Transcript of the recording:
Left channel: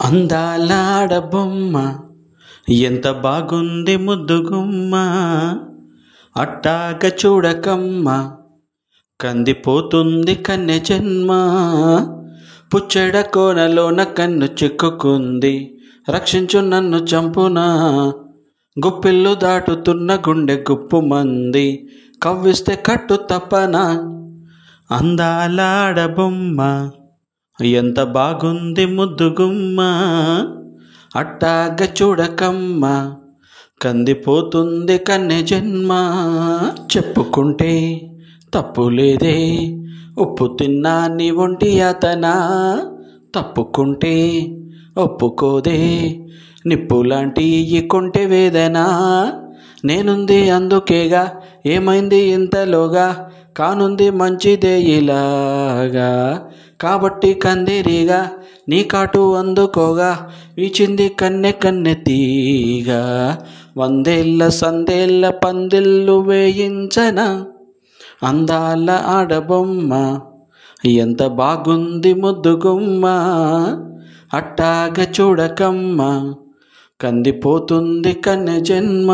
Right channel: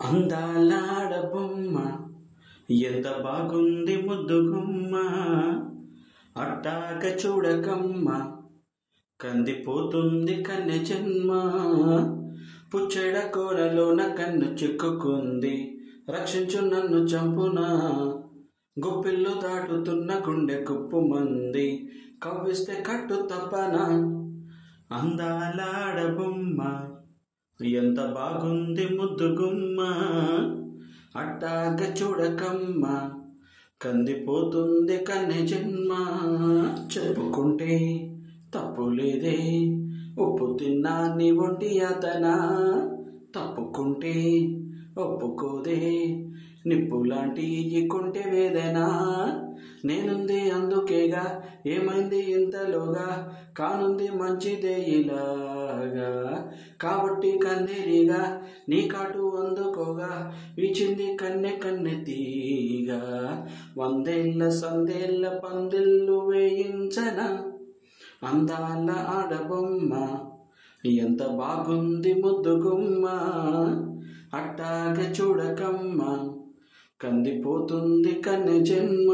అందాల ఆడబొమ్మ ఎంత బాగుంది ముద్దుగుమ్మ, అట్టాగ చూడకమ్మ కందిపోతుంది కన్నె జన్మ. పుచ్చడ కోనలోన కన్ను చిక్కుకుంది, రక్షించు నన్ను చంపునా. గుప్పిళ్ళు దాటుతున్న గుండె గుప్పుమంది, కవ్విస్తే కట్టు తప్పనా. అందాల ఆడబొమ్మ ఎంత బాగుంది ముద్దుగుమ్మ, అట్టాగ చూడకమ్మ కందిపోతుంది కన్నె జన్మ. చెప్పుకుంటే తప్పు లేదే, ఉప్పు తిన్నా నీ ఒంటి అతనా. తప్పుకుంటే ఒప్పుకోదే, నిప్పులాంటి ఈ కొంటె వేదన. నేనుంది అందుకేగా, ఏమైంది ఇంతలోగా, కానుంది మంచిదే ఇలాగా. కాబట్టి కందిరిగా నీ కాటు అందుకోగా, వీచింది కన్నె కన్నె తీగా. వందేళ్ళ సందేళ్ళ పందిళ్ళు వేయించన అందాల ఆడబొమ్మ ఎంత బాగుంది ముద్దుగుమ్మ, అట్టాగ చూడకమ్మ కందిపోతుంది కన్నె జన్మ.